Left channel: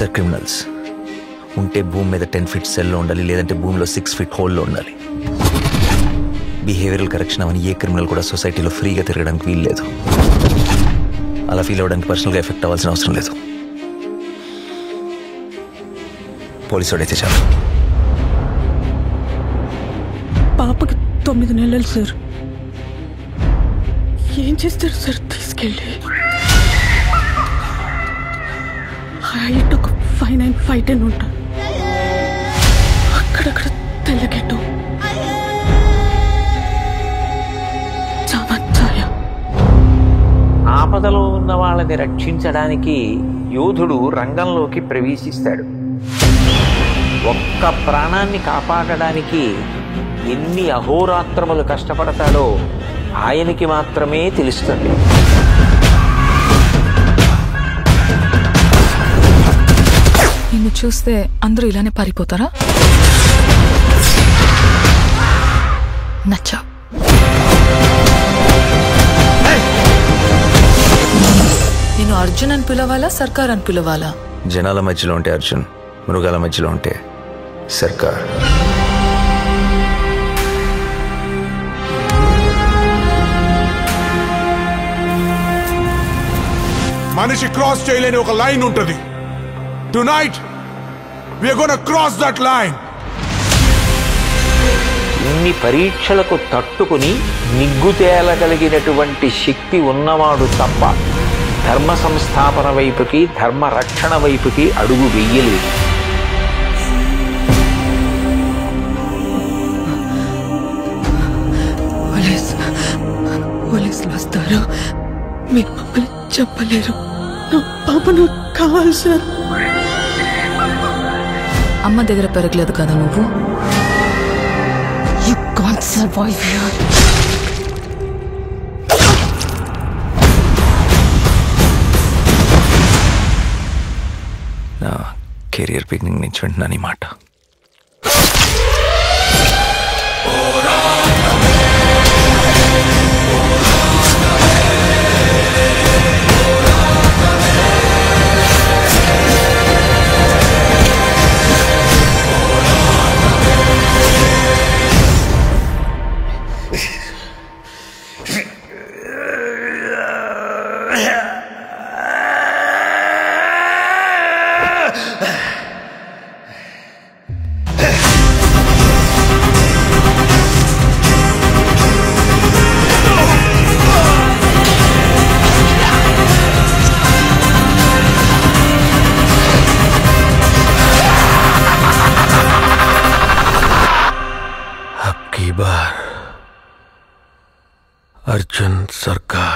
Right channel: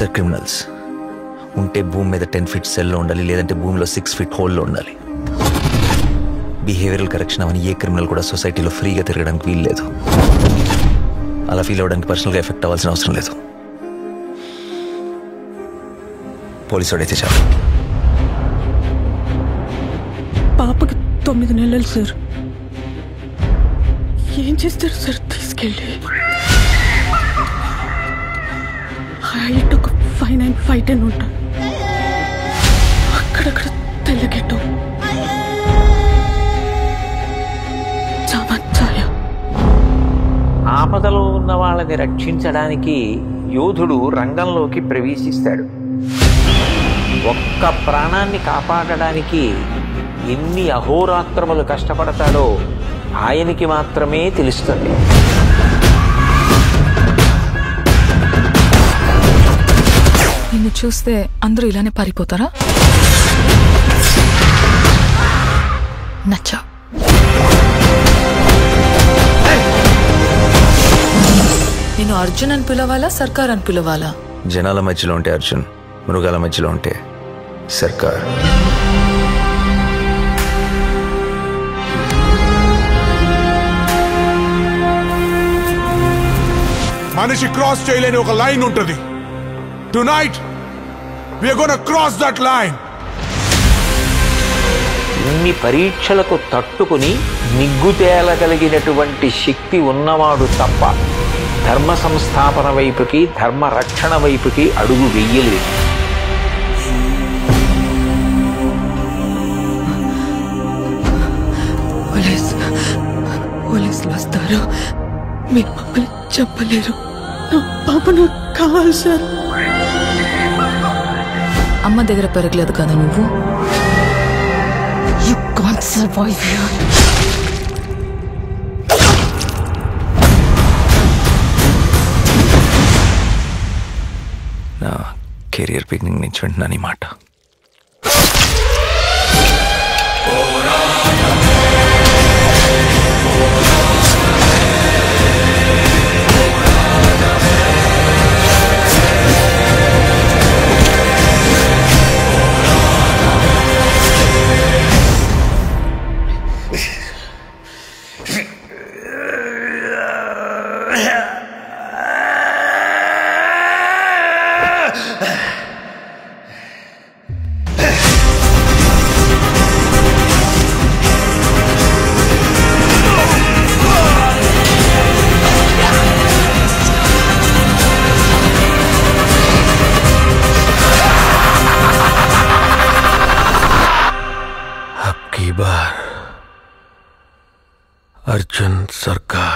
Sir criminals ఉంటే భూమి మీద 10 feet సెల్లో ఉండాలి, లేదంటే భూమిలో 6 feet హోల్లో ఉండాలి. బిహేవియరల్ కరెక్షన్ అవని ఏ క్రిమినల్ కూడా సొసైటీలో ఫ్రీగా తిరగడానికి వీలు లేదు. అలా ఫీల్ అవ్వడానికి పర్సనల్గా ఎఫెక్ట్ అవ్వాల్సిన అవసరం లేదు. పోలీసు వాడైతే చాలు. పాపకి 9 నెలలు సార్. ఏం చేస్తారు సార్ తీసుకెళ్ళి? హైట్ ఒక 5'9", 5'10" ఉంటారు. అక్కడక్కడ తెల్లగెట్టు చామచ్చాయ. ఆపదలో ఉన్న వాళ్ళని రక్షించడానికి యోధుడు రంగంలోకి ప్రవేశిస్తాడు. ఒక్క ప్రాణాన్ని కాపాడడానికి ఎన్ని అహోరాత్రములు కష్టపడతాడో ఆయనకి మాత్రమే తెలుస్తుంది. నిన్ను చూస్తే అందరూ ఇలానే పారిపోతారా? నచ్చా. నేను అర్జున్ అని పిలవాలా, సర్కార్ అని పిలవాలా? జనాల మధ్యలో ఉంటే అర్జున్, మృగాల మధ్యలో ఉంటే సర్కార్. మనిషి క్రాస్ చేయలేని ఒక లైన్ ఉంటుంది. Tonight we are going to cross that line. ఇన్ని పరీక్షలకు తట్టుకుని నిగ్గు తేలగలిగినటువంటి శక్తి ఉన్నవాడు తప్ప ధర్మ సంస్థాపన వైపుకి, ధర్మ రక్షణ వైపుకి అడుగు వెయ్యలేదు. పోలీసులు వస్తారు, మీరు మమ్మల్ని చెప్పలేరు. నా పాప నాకు కావాలి సార్. అమ్మ దగ్గర పెరగలేదు కదా నువ్వు? You can't survive here. నా కెరియర్ బిగినింగ్ నుంచి వింటున్నాను ఈ మాట. अब की बार अर्जुन सरकार.